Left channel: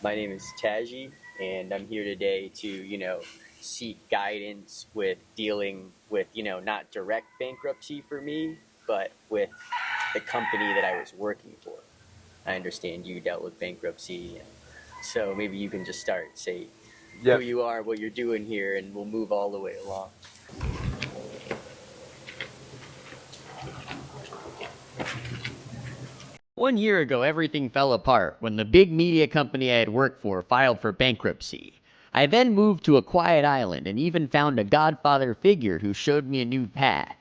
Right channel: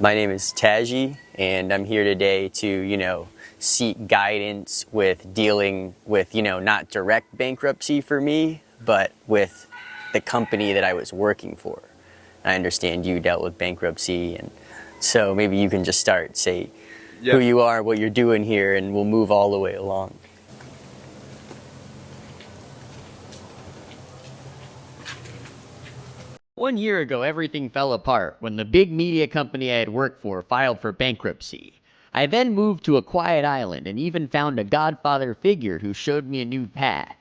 My name is Taji, and I'm here today to, seek guidance with dealing with, not direct bankruptcy for me, but with the company that I was working for. I understand you dealt with bankruptcy, and so maybe you can just say who you are, what you're doing here, and we'll move all the way along. One year ago, everything fell apart when the big media company I had worked for filed for bankruptcy. I then moved to a quiet island and even found a godfather figure who showed me a new path.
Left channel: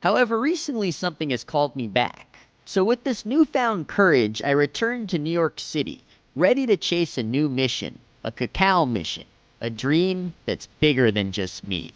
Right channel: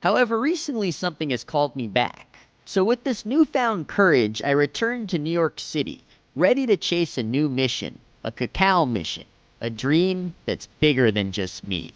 However, recently something has called me back. So with this newfound courage, I returned to New York City, ready to chase a new mission, a Cacao mission, a dream that's bigger than just me.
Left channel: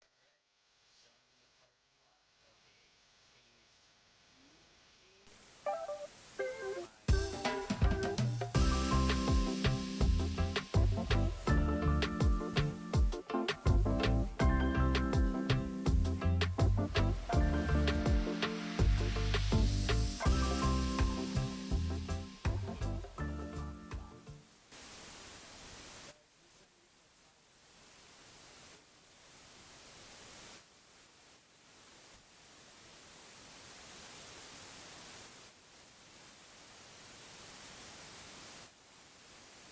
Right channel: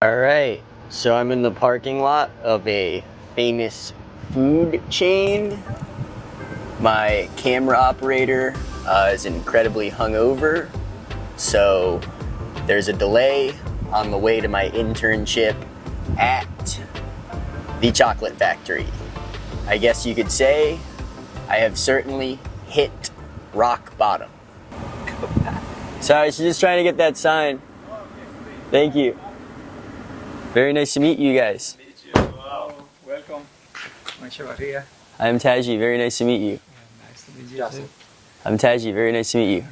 All right, so I'm in the parking lot of a famous food chain. My camera operator is incredibly hungover, so there's a delay on the way to my internship at the chocolate factory. I guess you could say I have certainly hit rock bottom. Sorry, she's just trying to get that sign. Thank you. Very nice to meet you guys. Wow. Welcome. Echevarria. I'm Taji, very nice to meet you. Nice to meet you. Justin. I'm Taji, very nice to meet you.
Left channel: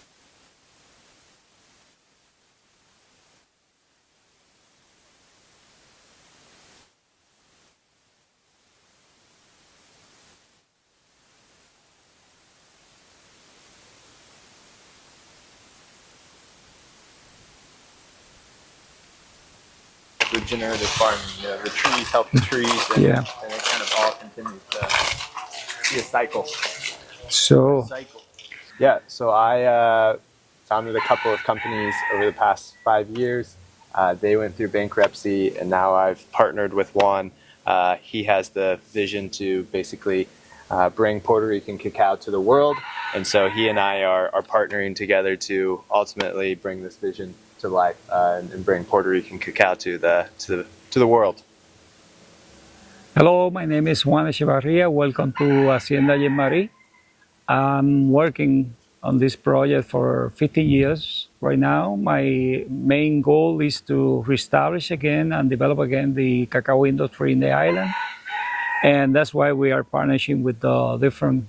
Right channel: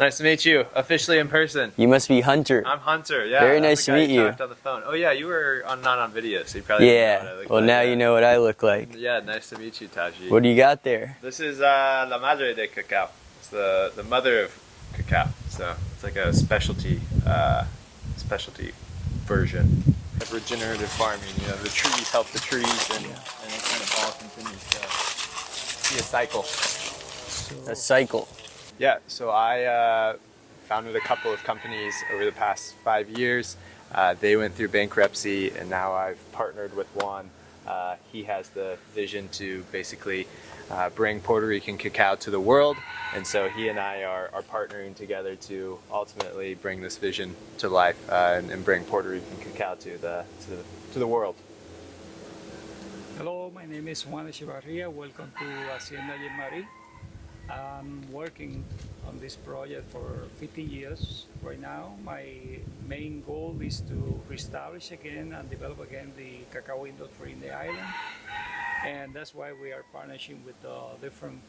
Nice to meet you, officially in person. You must be Hunter. I'm Hunter, yeah. Very nice to meet you. On the phone. Oh yeah, you were not on video, so you probably didn't know what I look well like. now you know what I look like. Yeah, nice to meet you, Taji. What do you got there? This is La Madre de Cacao. It's the mother of cacao. So it's like a specialty version. Regenerative farming, the trees help the trees, and it kind of all continues to be a cycle. A cycle. Yeah, so I founded a couple of companies over the past 5 years. They went through bankruptcy, and now I've partnered with one. He has the vision to basically bring Puerto Rican cacao to the world, and so he and I are partnering together to ultimately bring this vision to life and bring Puerto Rican cacao to the world. Hello, my name is Juan Echevarria. Welcome to Hacienda Jeanmarie. I'm working on this project for 15 years right now. My main goal is to reestablish again and develop again the cacao industry in the island. And that's why we are partnering with the different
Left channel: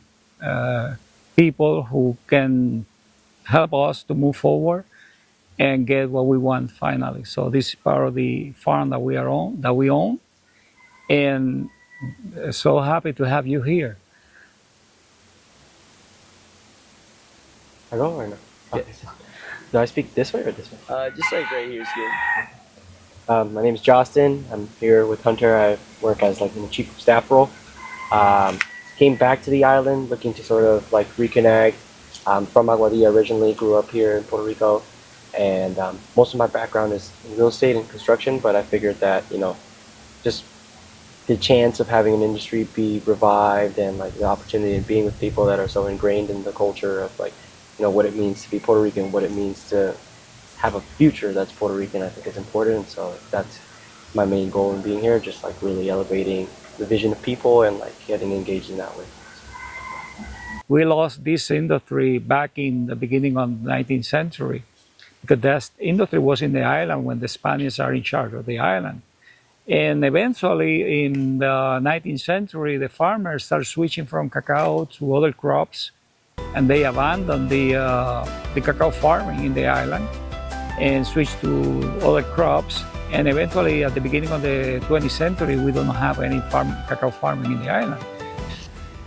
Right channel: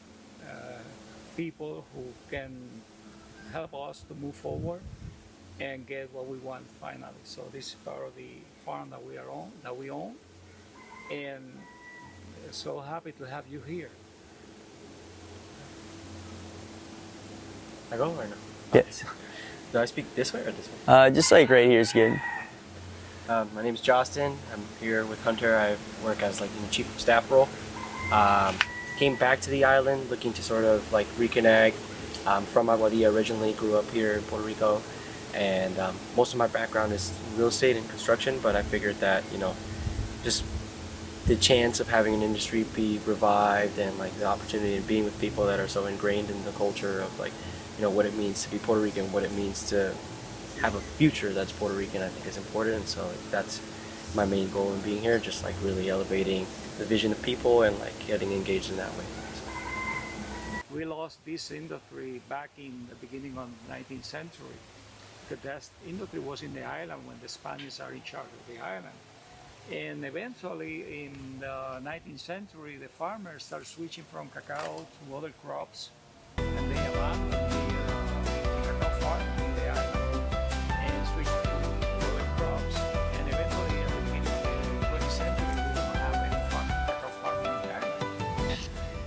people who can help us to move forward and get what we want finally. So this is part of the farm that we own. And so happy to have you here. I go or no? Yes. Do I speak this way or this way? Just like right here is good. My name is Justin. I'm here with Hunter. I work as like in the chief of staff role. Came back to the island looking to sort of like reconnect. I'm from Aguadilla originally, grew up here in Puerto Rico, and most of my background is real estate and construction, but I figured that, just the chance of having an industry be revived and like the opportunity of being with people that are so ingrained in the culture of like, what it means to be Puerto Rican, what it means to have a future that's Puerto Rican, I think is important. And so that's my main goal in being here, just like really elevating the vision of people and like getting engaged in that way. We lost this industry back in the beginning of the 19th century because that industry was in the island when the Spaniards are in charge of the island. And eventually in the 19th century, the farmers started switching from cacao to other crops, and they abandoned the cacao farming in the island and switched to other crops. And eventually at the beginning of the 20th century, we don't have any cacao farming in the island.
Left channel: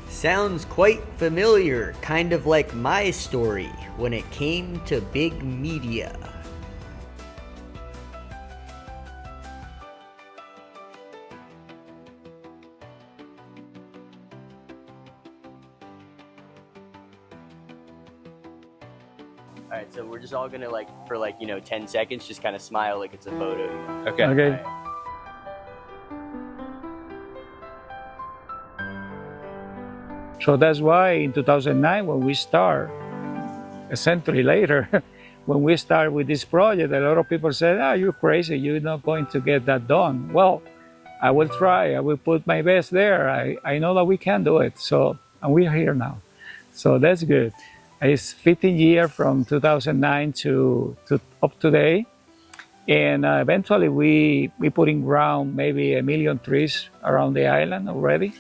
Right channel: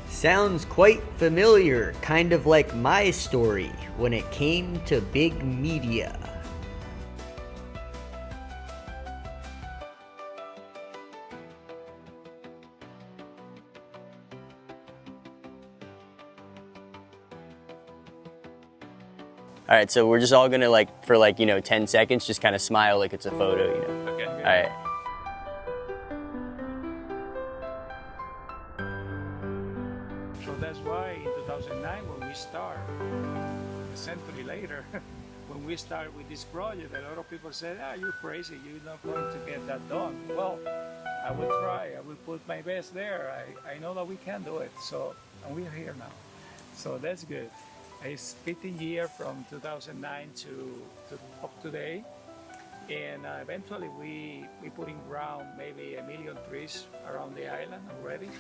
Sounds quite familiar, kind of like my story when it came to big media. All right, so we're just all gonna for 10 seconds, just kind of smile like it's a photo, Okay. All right. So that's why in 2009, when we start a century later, when we start with this project, a lot of people said, "Ah, you're crazy. You're not going to get that done." Well, I will try. I will put my best there. I know that we can do it. So, and we are here now. So that's good. It's 15 years from 2009 to up today. And eventually we put in ground maybe 1 million trees around the island already,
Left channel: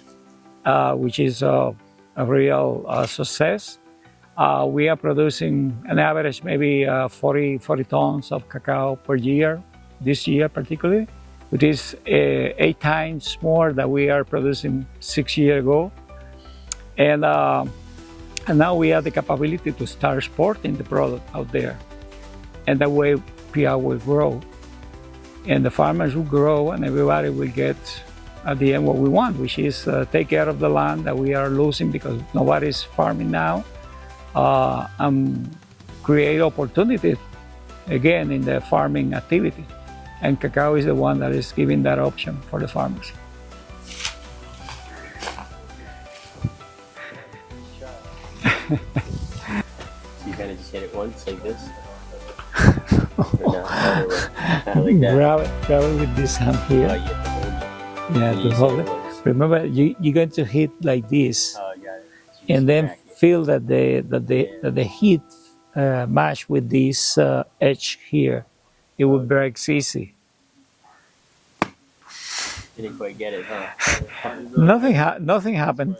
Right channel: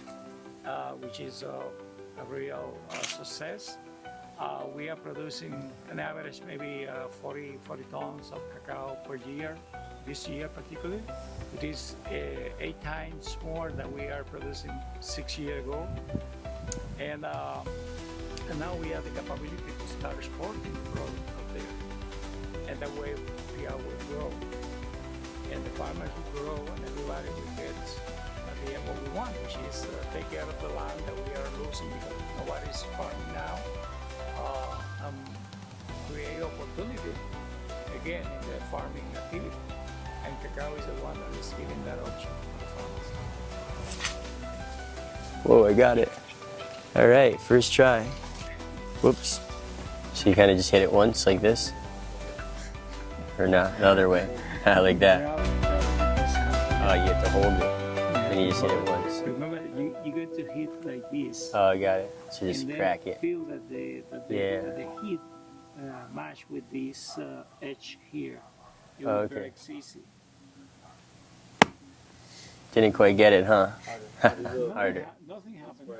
which is a real success. We are producing an average maybe 40 tons of cacao per year, this year particularly. It is 8 times more than we are producing 6 years ago. And now we have the capability to start exporting the product out there. And that way PR will grow. And the farmers will grow and everybody will get at the end what we want, which is take care of the land that we are losing because nobody's farming now, and create opportunity again in the farming activity. And cacao is the one that is giving that option for the farmers. Whoa, I got it. All right, first try. Whoops. So you kind of just hit it once like this? Or no, other way. Like that. Grab it with this hand here. Oh, you have to hold it. Yeah, And you to just hold hit it. it once. Remember, you're going to hit like this, Oh, I got it. So just and then crack it. feel that Yeah. the heat match with this edge here. It will break easy. Didn't quite get it, huh? Nothing happened.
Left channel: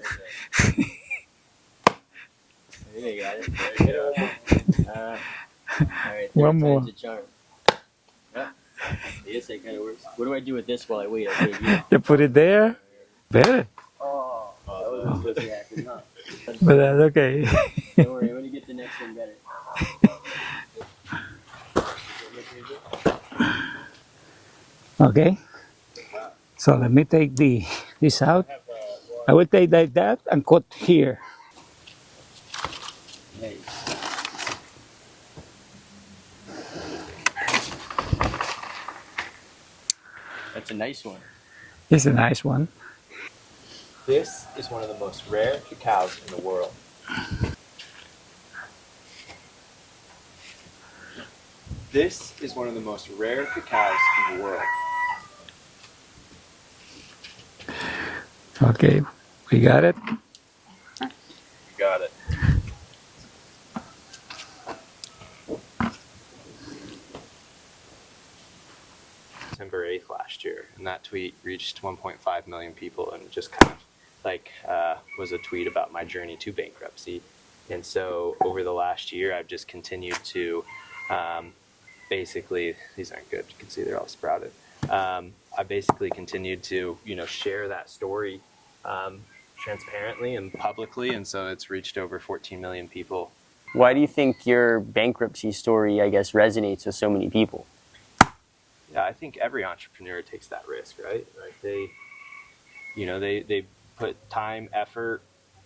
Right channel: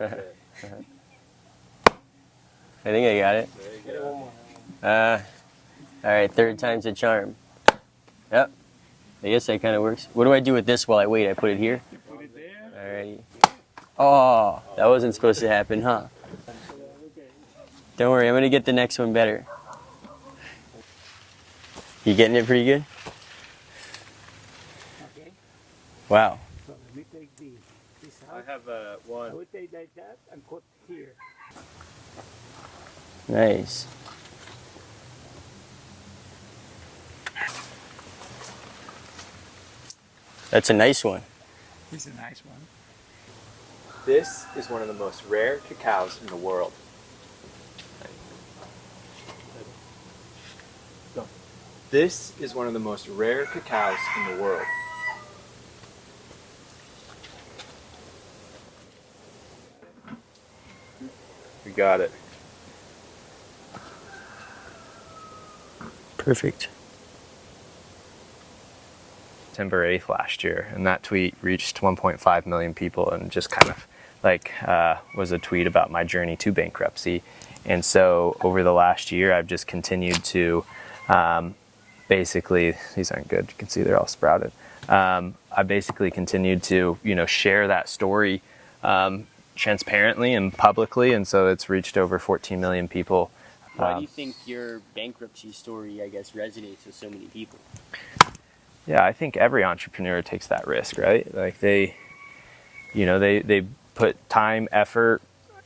I think I got it. All right, third One time's more. a charm. Yep. I guess that kind of works. What do I do with this while I wait? I put it here. You put it there. Alrighty. Better, Oh, that wasn't supposed to happen, huh? but that's okay. Don't worry, I'm gonna get the next one better. You getting it pretty good? Okay. Wow. So let me take this out. I will take like that and cut here. Nice. That's a nice one. It's a nice one. This is one of the most rare cacaos in the world. This is one of the most rare cacaos in the world. Okay, we got it. You got it. Perfect. September 8th last year, and that tweet reached 1.5 million people and just kind of like was a tweet about my journey to bankruptcy. And so over the last year, I've just continued to basically, these aren't good, you can see they're all sprouted. I basically continued to, share that story transparently and publicly, and so it's reached over 14 million people. Why do you think your bankruptcy story, I guess, resonates with so many people? Yeah, I think every entrepreneur takes that risk, right? Like they put time, effort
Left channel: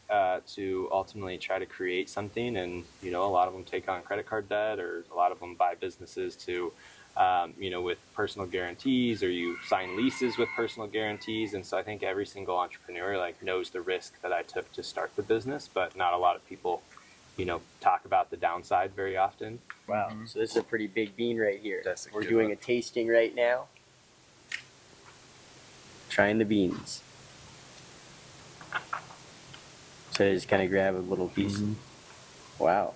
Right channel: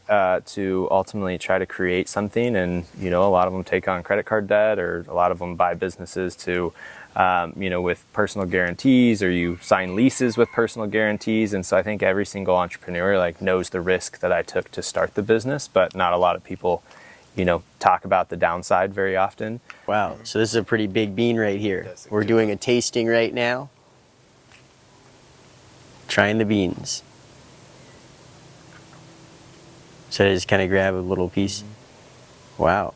to ultimately try to create something, and a lot of them take on credit card debt, or a lot of them buy businesses to, with personal guarantees, or you sign leases with personal guarantees. And so I think every single entrepreneur knows the risk that I took to start the business, but not a lot of people talk about the downside very often. Wow, so this is a pretty big bean right here. That's a We're good doing a tasting right now. Trying the beans. So I just kind of grab a little piece. Wow,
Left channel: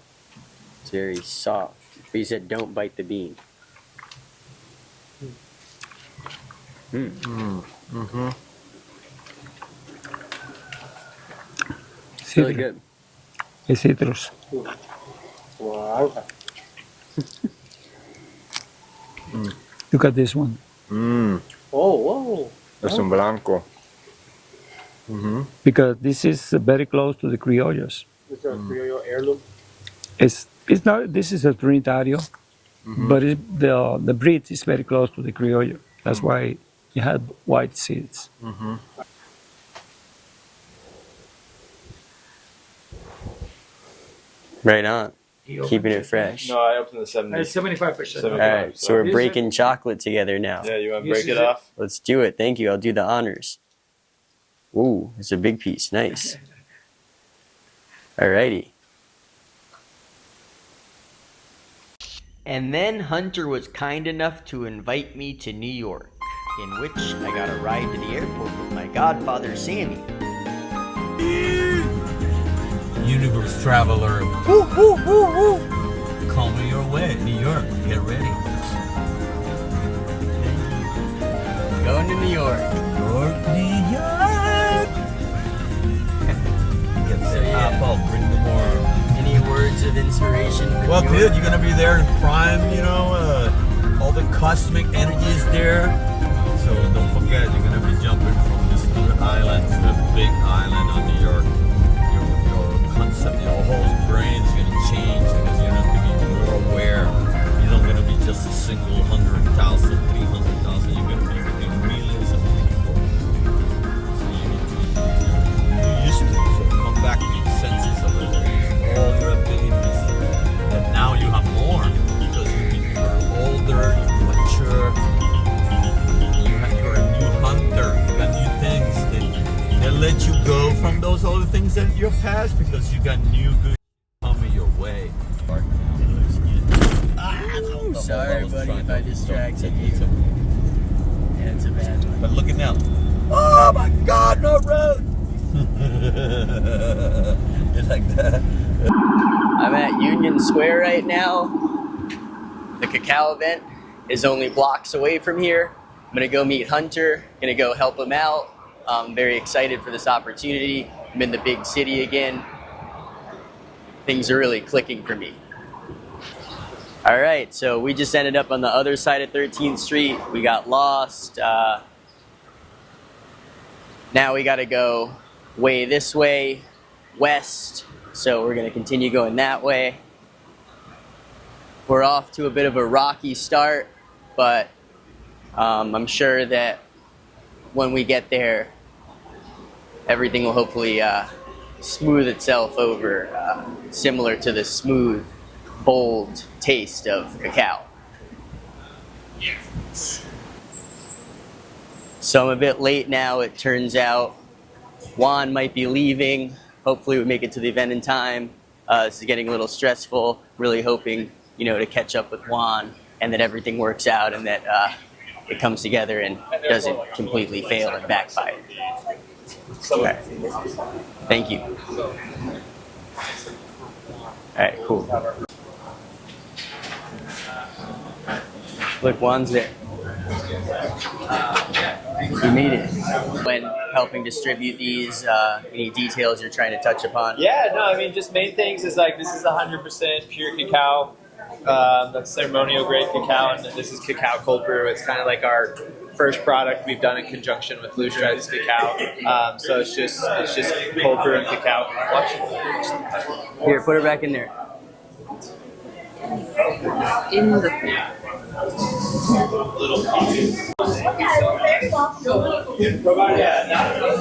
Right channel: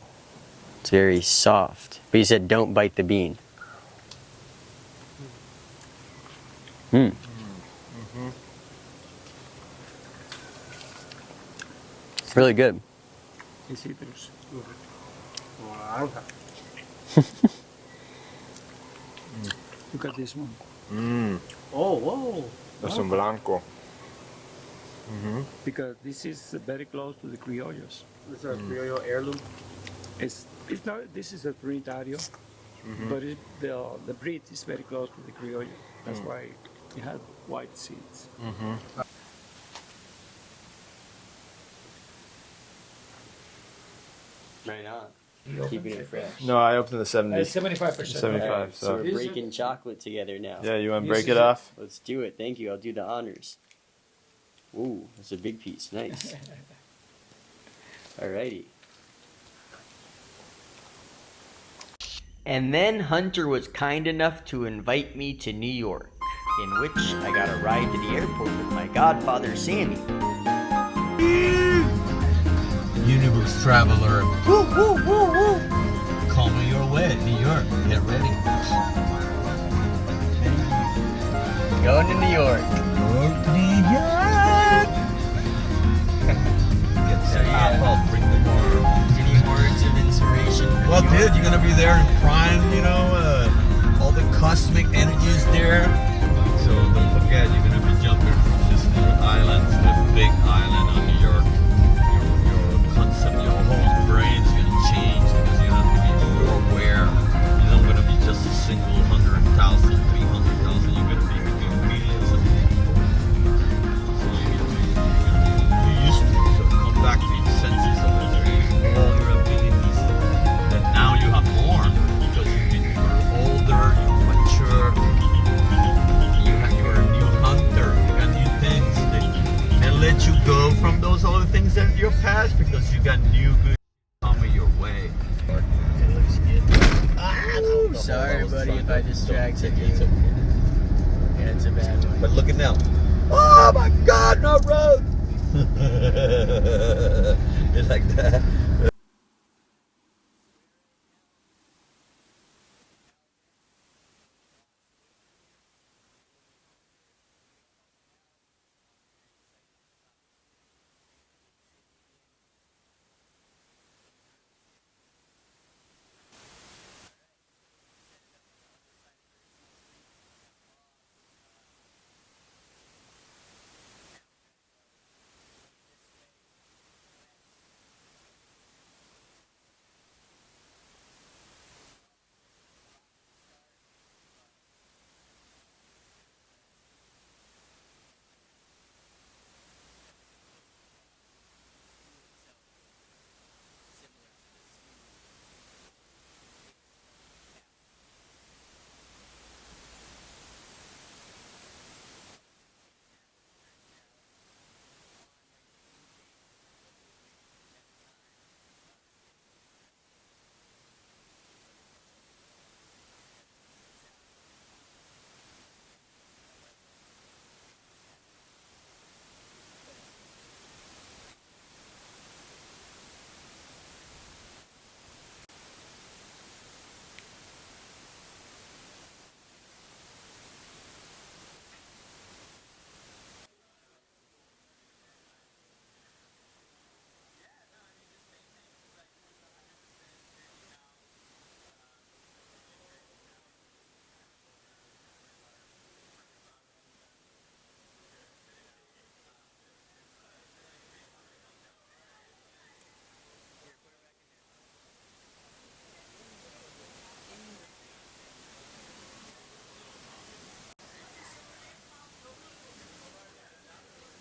it's very soft. But you said don't bite the bean. It's really good. It's citrus. Wow. Look at this one. Oh, whoa. Es un blanco. Because this is very close to the criollos. This is a Criollo heirloom. It's not. This is a Trinitario, but the breed is very close to the criollo. That's why it had white seeds. Right on. Keeping it fresh. No, I opened the 70. 75%. All right, so we're breaking chocolate together now. Yeah, you want to This break is it it. off? Let's do it. Thank you. I'll do the honors. Ooh, it's a big piece. Nice. Alrighty. And then Hunter was kind enough to invite me to New York, in which I got a ride to the airport with my godfather Sammy. Universe traveler. Woo, woo, woo, woo. Coming your way, New York. Get ready. Going to New York. New York. Get the pop up, bring the more. Any words of inspiration for Well, New York? dude, you're gonna be there in prime, you know, all the cosmic energies there. So don't forget, you're gonna be jumping from this little island to the big island on New York. Your concept, your whole brain's gonna change because you're not gonna be more aware. You're not gonna be just a single 100,000, 300,000. You're gonna be millions of people. So you're used to it. So come back to your senses a little. Use all your abilities. And now you have more because you're older, mature. You're a new hunter. You got new things. They let you go from those old things in your past because you got new good coming your way. Sorry, buddy, if I distracted you. Yeah, it's a bad one. But look at now. Oh my God, no road! It's like that. I'm at Union Square right now. The Cacao event is only blocks away from here. I'm gonna go meet Hunter, gonna go help him out. I'm very excited for this opportunity. I'm in the big city again. Things are really clicking for me. All right, so we just ended up on the other side of 13th Street. We got lost. Now we gotta go way this way, west. So we're gonna continue going that way. We're off to a bit of a rocky start, but I'm sure that when we get there, everything will hopefully smooth itself over, similar to the smooth, bold taste of cacao. So I'm a bit late now, it turns out. Juan might be leaving. Hopefully we make it to the event in time. This is getting a little stressful. Really hoping, to catch up with Juan and that everything works out and that it comes together and doesn't completely fail and backfire. Okay. Thank you. All right, cool. Look, Juan's there. We made it. When helping distribute these, any details you're trying to touch upon? Yeah, no, I mean, just main things is like this is 100% pure cacao. That's ceremonial grade cacao, and then this is cacao cold brew. It's kind of like our first product we've done in conjunction with Blue Stripes Cacao. So it's just cold brew and cacao. Watch. Here, put it back in there. In the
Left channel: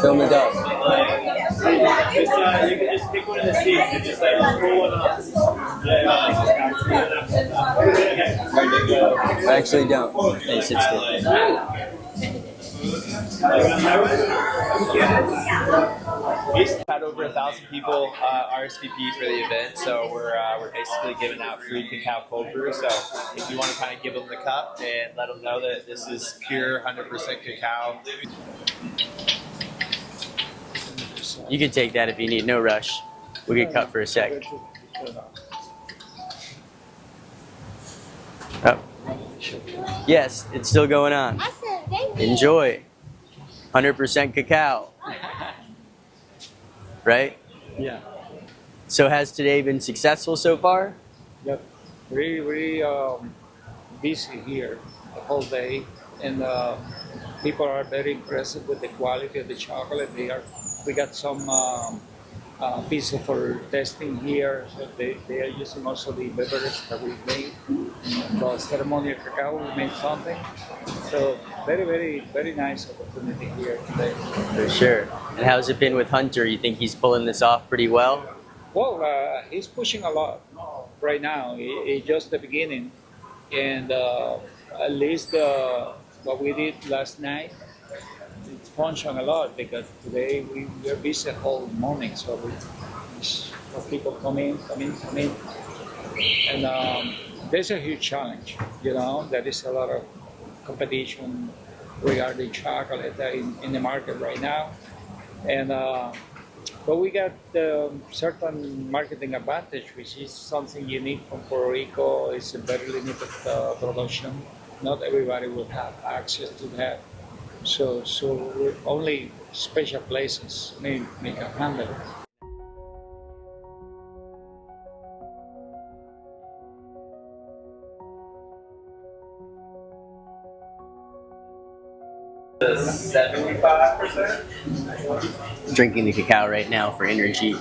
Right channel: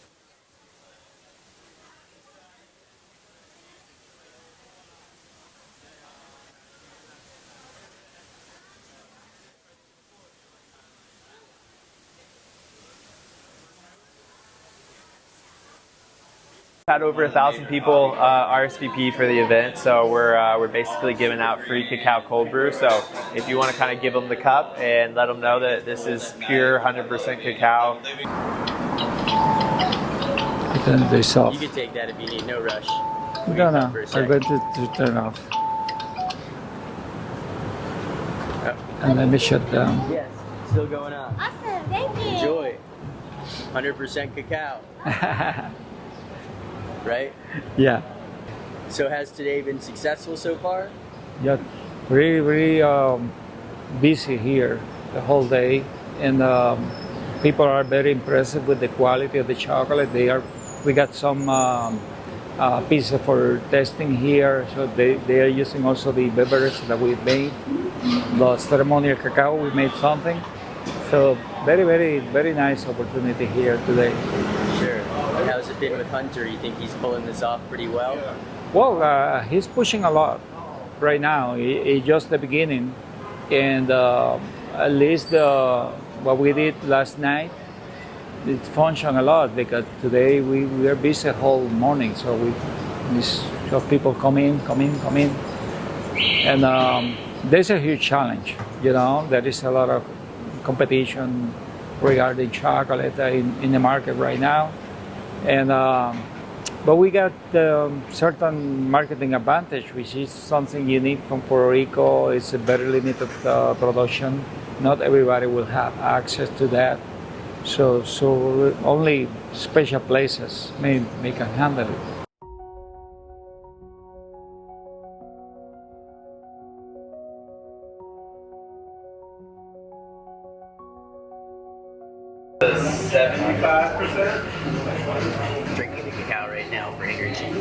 Film it up. You can just pick one of the seats and just like pull one up. I actually don't. It sits there. Had over 1,000 people RSVP for the event, so we're basically giving out free cacao cold brew. So if you want to kind of give them the cup and let them know that this is pure 100% cacao. Turn this off. You can take that if you need. No rush. We No, can no, cut for a I'm sec. going to turn off. Oh. And let me shut down. Yes, it's still going on. Awesome, thank you. Enjoy. 100% cacao, right? Yeah, So has today been successful so far? yeah, really busy here the whole day, and people are very impressed with the quality of the chocolate. We got some pieces for testing here, so they are using also the beverage that we made, the ceremonial cacao. We made something, so very nice opportunity here today. For sure. And how's it been with Hunter? You think he's pulling this off pretty well? Well, he's pushing a lot right now. It's just the beginning, and at least what we did last night, it functioned a lot because today we are busy the whole morning. So we saw people come in, and there's a huge challenge. You know, there is a lot of competition regarding chocolate in the market right now, and but we got certain marketing advantage, which is something unique from Puerto Rico. It's a very limited production. Not everybody will have access to that. So only special places may can handle it. Drinking the cacao right now for energy,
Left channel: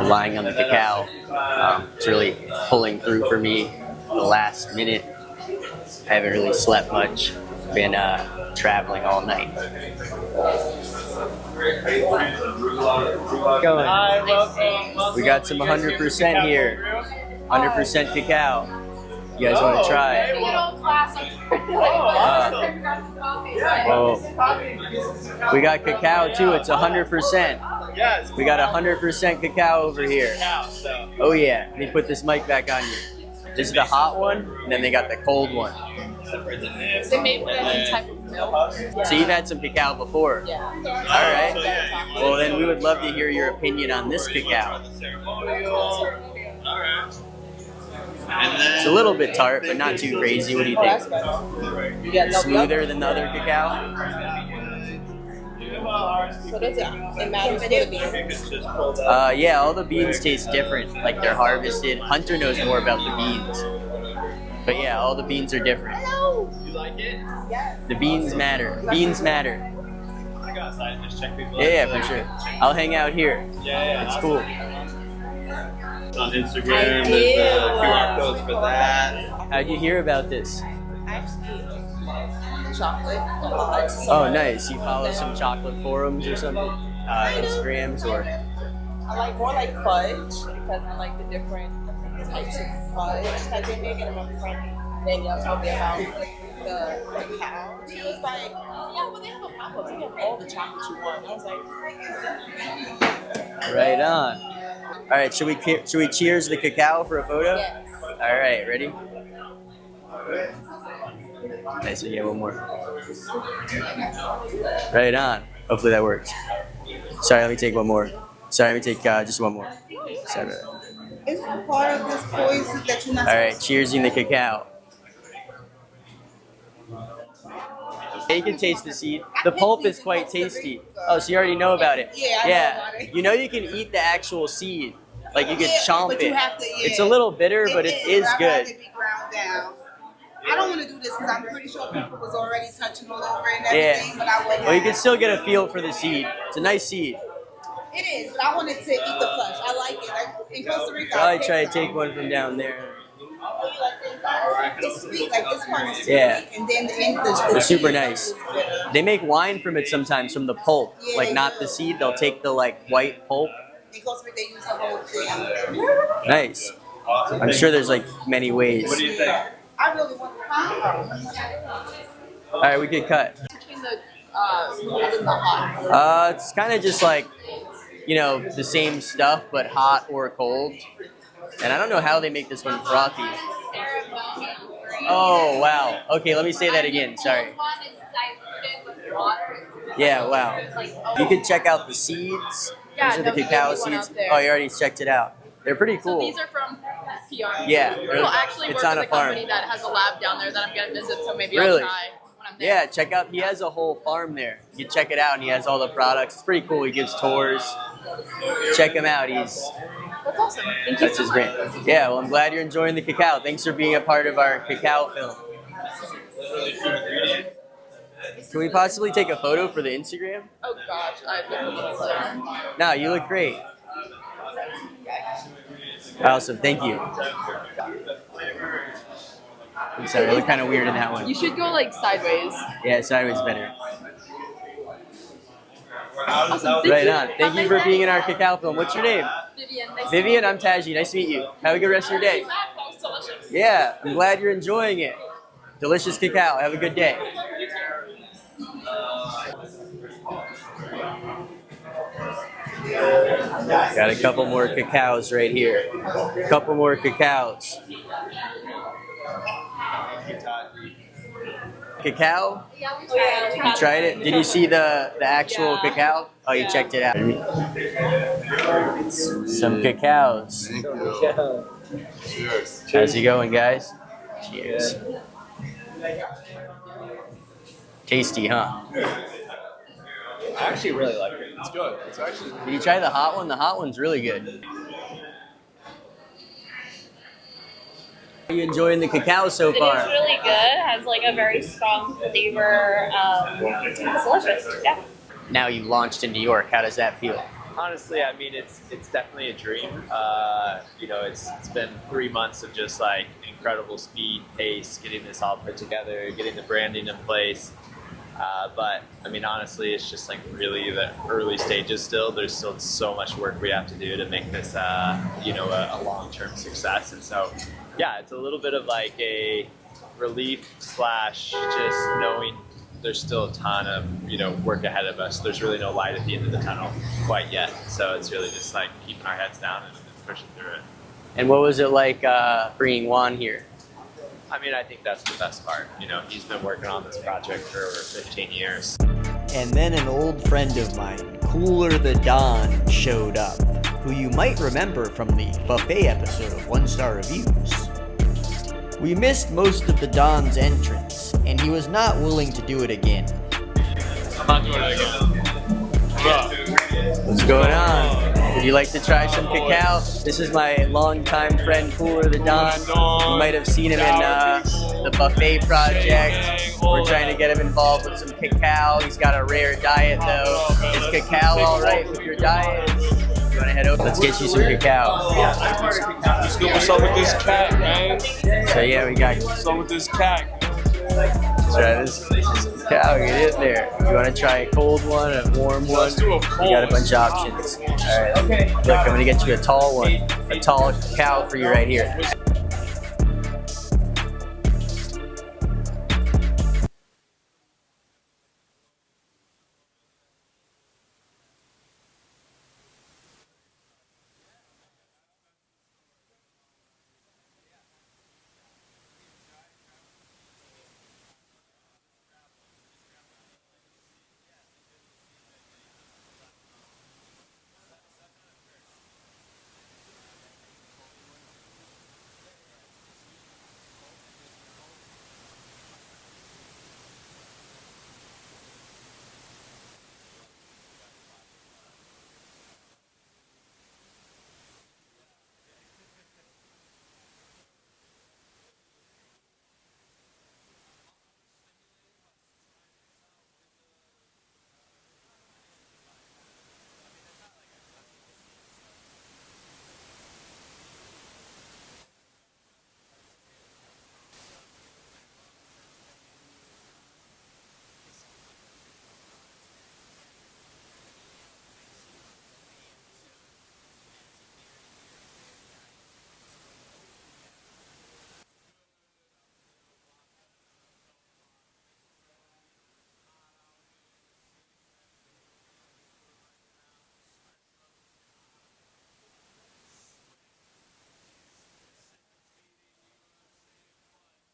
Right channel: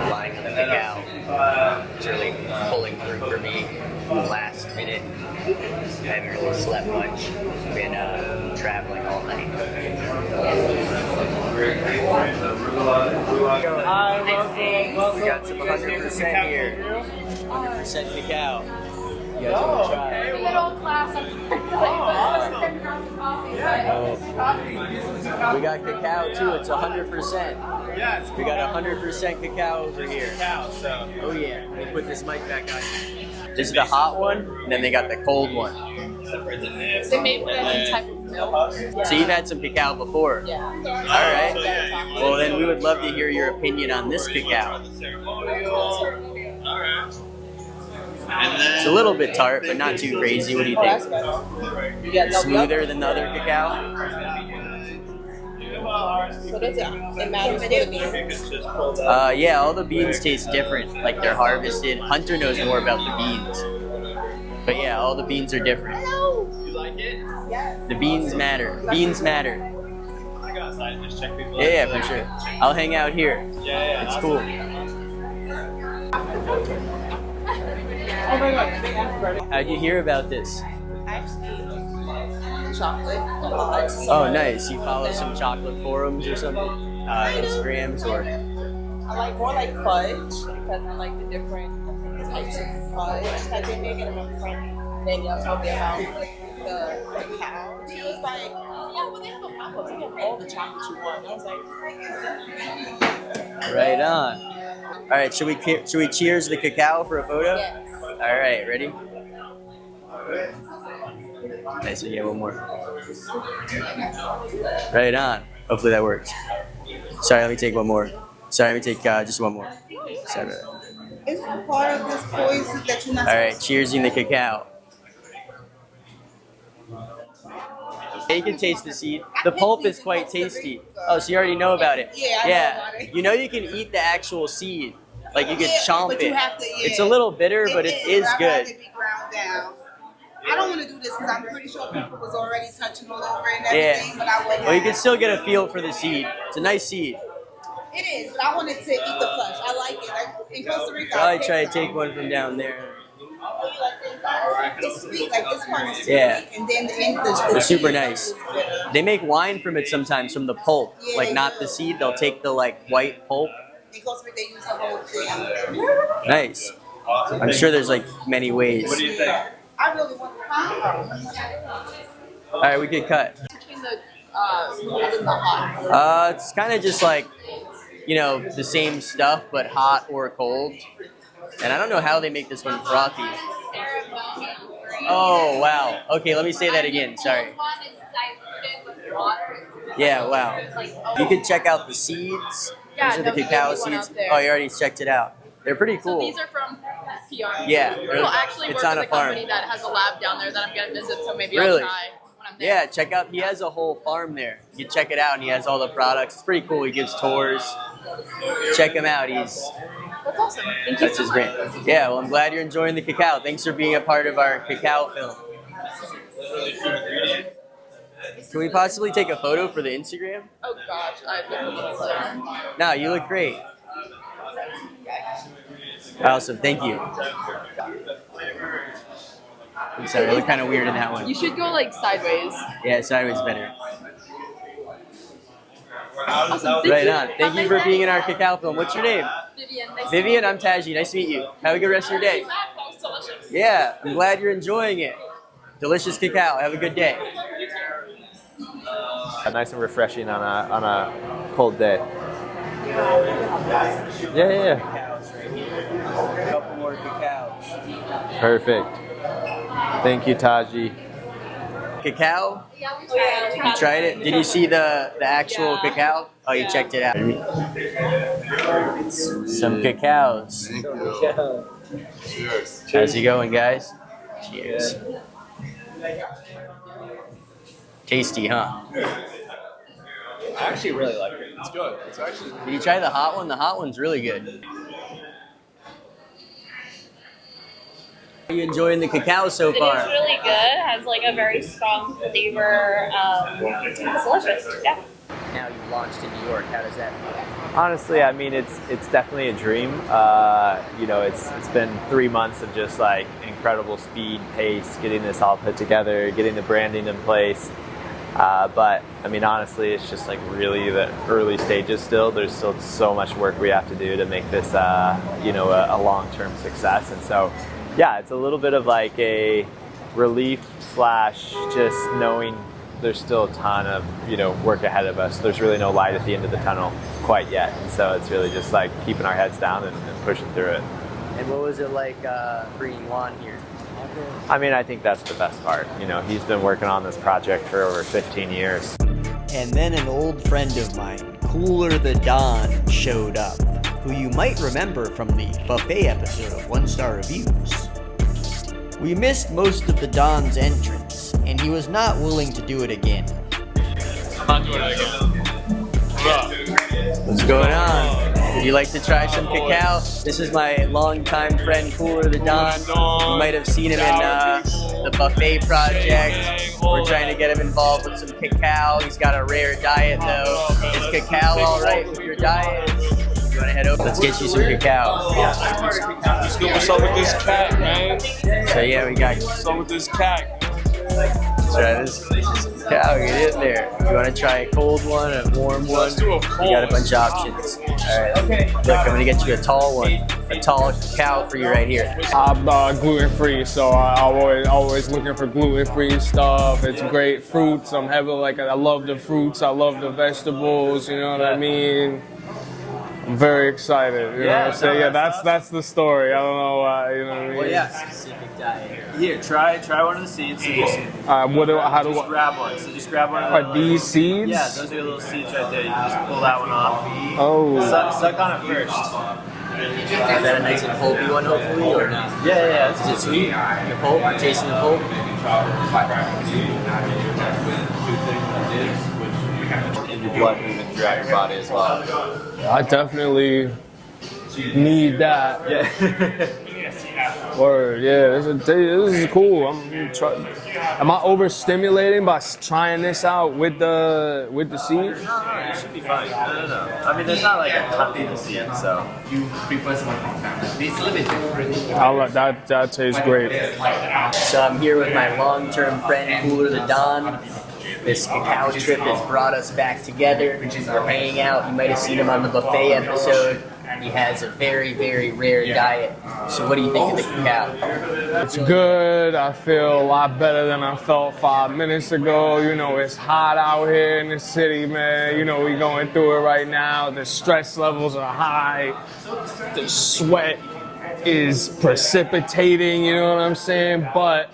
relying on the cacao. It's really pulling through for me in the last minute. I haven't really slept much. Been traveling all night. We got some 100% here. 100% cacao. You guys want to try? Well, we got cacao too. It's 100%. We got 100% cacao over here. Oh yeah. Let me put this mic back on you. This is the hot one, and then they got the cold one. They made with any type of milk. So you've had some cacao before? Yeah. All right. Well, then we would love to hear your opinion on this cacao. It's a little bit tart, but not too crazy. What do you think? Smoother than the other cacao? So does it matters for the beans? Yeah, all the beans taste different. Like they're harvested. Hunter knows more about the beans. But yeah, all the beans are different. You like it? Yes. The beans matter. Beans matter. I go outside and just check people out. Yeah, for sure. I'll hang out here. Yeah. It's cool. On Instagram, How'd you hear about this? Actually, chocolate. Oh, nice. You follow some chocolate forums or something? Instagrams or? I like more like fudge because I like the different types of fudge that they make. And my friend Danielle told me about the cacao. She was like, "Yeah, well they have a pop-up. They have all the chocolate you want." And I was like, Right on. All right, should we cheers the cacao for a photo? yes. All right, ready? Nice, yeah, one more. Right on. Hopefully that works. Sorry, let me take one more. Sorry, let me take just one more. Sorry about that. Is it part of this poison that you're not All right, cheersing the cacao. You can taste the seed. The pulp is quite tasty. Oh, so you already know about it? Yeah, I know about it. You know you can eat the actual seed. Like you can Yeah, chomp but it. you have to, yeah. It's a little bitter, but it is I'd good. rather be ground down. I don't want to do this because I'm pretty sure people was already touching all over and everything, but I wouldn't. Well, you can still get a feel for the seed. It's a nice seed. It is, but I wanted to eat the flesh. I like it. Like in Costa Rica, Probably try to take one from down there. It's sweet, like this one is sweet, Yeah. and then the They're super seed nice. is bitter. They make wine from it sometimes, from the pulp. Yeah, Like they not do. the seed, they'll take the like white pulp. In Costa Rica, they use the whole thing. Nice. I'm sure there's like many ways. What do you think? I really want to. All right, we could cut. Between the cold and the hot. It's kind of just like, you know, the same stuff, but hot or cold. And I don't know how they make this one frothy. Oh, wow. Okay, let me say that again. Sorry. Yeah, wow. You can check out the seeds. Yeah, These are no, the he cacao gave me one seeds. out there. Oh, you already checked it out. They're pretty So cool. these are from PR. Yeah, We'll actually it's work on with a a farm. company that has a lab down there that I'm going to visit, so maybe Really? I'll try when I'm there. Yeah, check out. He has a whole farm there. You can check it out, and he has all the products. It's pretty cool. He gives tours. Check him out. That's awesome. Thank you That's so his much. brand. Yeah, well, I'm glad you're enjoying the cacao. Thanks for being a part of our cacao film. Can we possibly take a photo for the Instagram? Oh gosh, I look a little slow. No, you look great. Awesome, thank you. I'm sorry, I look kind of weird in that one. You should go like sideways. Yeah, sideways better. Awesome. Thank Right you. on. Have Thank a you nice for being day. in our cacao film. What's your name? Vivian. Nice Vivian, I'm Taji. Nice to meet you. Have a good rest of your day. That was delicious. Yeah, I'm glad you're enjoying it. Delicious cacao. Have a good day. Nice and refreshing on a cold day. Got a couple Yeah, more yeah. cacaos right here. A couple more cacaos. Perfect. Thank you, Taji. Cacao? Oh, yeah. You tried it? Did you see the actual cacao? Oh, you checked it out. Some cacaos. Cheers. How's it going, guys? Cheers. Tasty, huh? I actually really like it. It's good. It's actually. Did you try the hot one? The hot one's really good. Are you enjoying the cacao so It far? is really good. Has like a very strong flavor. It's delicious. Yeah. Now you've launched in New York. How does that feel? Honestly, I mean, it's definitely a dream. You know, it's been 3 months of just like incredible speed, pace, getting this all put together, getting the branding in place. But I mean, honestly, it's just like really the early stages still. There's still so much work we have to do to make this, you know, a long-term success. And so, yeah, it's a little bit of like a relief slash just knowing there's still a ton of, you know, work ahead of us. There's really no light at the end of the tunnel quite yet. And so it's really just like keeping our heads down and pushing through it. And what was it like bringing Juan here? I mean, I think that's the best part. You know, he's been working on this project for over 15 years. And then an old friend of mine, Coolr The Don, showed up, who you might remember from the buffet episode of 1-Star Reviews. We missed most of the Don's entrance, and he was not willing to do it again. I'm not doing it again. What's going on? Would you like to try some cacao? This is my longtime friend, Coolr The Don. You might have seen him in the buffet project. We're trying to get him involved with some cacao. He's got a rare diet, though. Is cacao all right with your diet? You want to head over? Let's get you some cacao. Let's go. What's up with this cat, man? So yeah, we got. What's up with this cat? Try this cacao. Get in there. You want to try a cold one, a warm one? Let's do a We cold. got a bunch of options. All right. Look, I'm gonna get you a tall one, a tall cacao for you right here. I'm gluten free, so I'm always looking for gluten free stuff. It's great fruits. I'm heavy like I love the fruits. I love the vegetables. You know what I mean? I'm very excited. You know what I'm saying? Yeah, that's the story. I don't know why. You know what I mean? Well, yeah, specific diet. Here, try one of the seeds. So just, How do I? grab one. So just grab one of Are these seeds? Yeah, those are the little seeds right there. You can just pull that one off. Oh. Suck on it first. Is that a nice and pulpy one, hopefully, or not? Yeah. Is it sweet? The pulp? Tasting the pulp? And your blood moving throughout your body as well. I definitely need that. Yeah. Word, yeah, this is cool. Am I overstimulating by trying this out with the seed? No, it should be fine. No. I mean, there's not like a ton of the seed, so. I'll let that tastes great. So I'm here with my long-term friend, Coolr The Don. This cacao trip has brought us back together. We're hanging out. You might have seen him on the buffet episode. He has a very, very rare diet. So what do you think of the cacao? It's good. I feel a lot better than I felt 5 minutes ago. You know, it's hot out here in the city, man. You know, we're going through it right now. The stress levels are high. The sweat is precipitating, you know what I'm saying? But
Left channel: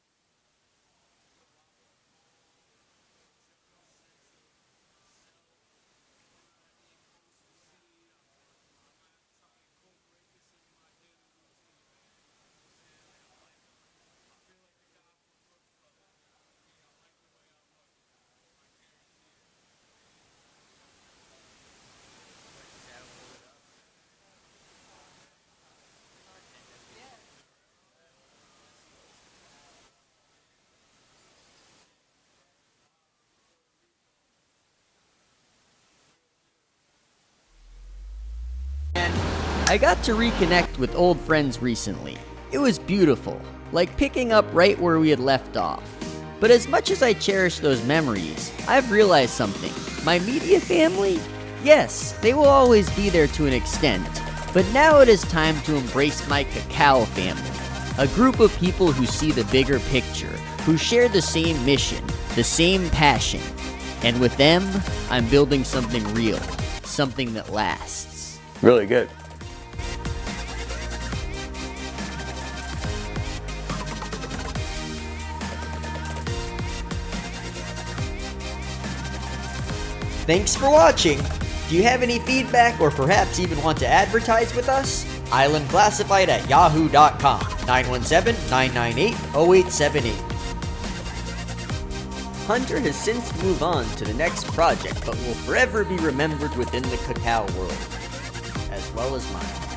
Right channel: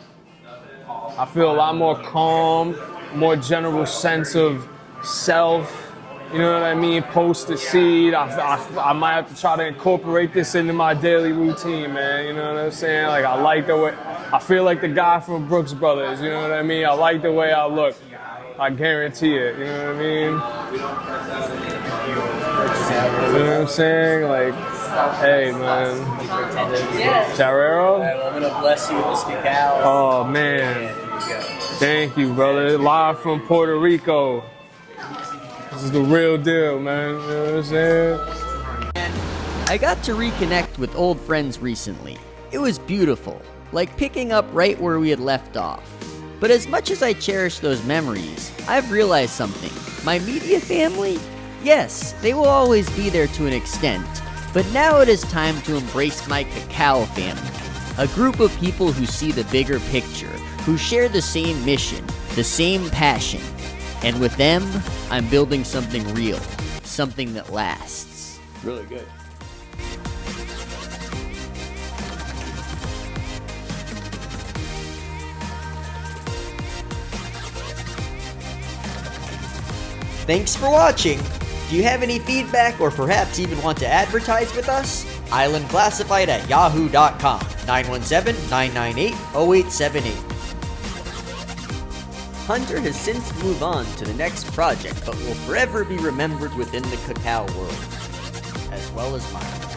I feel a lot more calm, more general sense of self. You know what I mean? Post the seed. I might have to try to incorporate this into my daily routine, man. You know what I'm saying? Like, I like the way, I feel like the guy from Brooks Brothers. You know what I mean? I like the way I look. I guarantee it. You know what I mean? You know what I'm saying? Like, hey, man. Charrero? Well, I'm gonna bless you with this cacao. Oh, man. Thank you, brother. Live from Puerto Rico. This is the real deal, man. You know what I'm saying? I got to reconnect with old friends recently. It was beautiful, like picking up right where we had left off. But as much as I cherish those memories, I've realized something. My media family? Yes, they will always be there to an extent. But now it is time to embrace my cacao family. A group of people who see the bigger picture, who share the same mission, the same passion. And with them, I'm building something real, something that lasts. Really good. Thanks for watching! Do you have any feedback or perhaps even want to advertise with us? islandclassified@yahoo.com 917-998-0878. Hunter has since moved on to the next project, but will forever be remembered within the cacao world, as well as mine.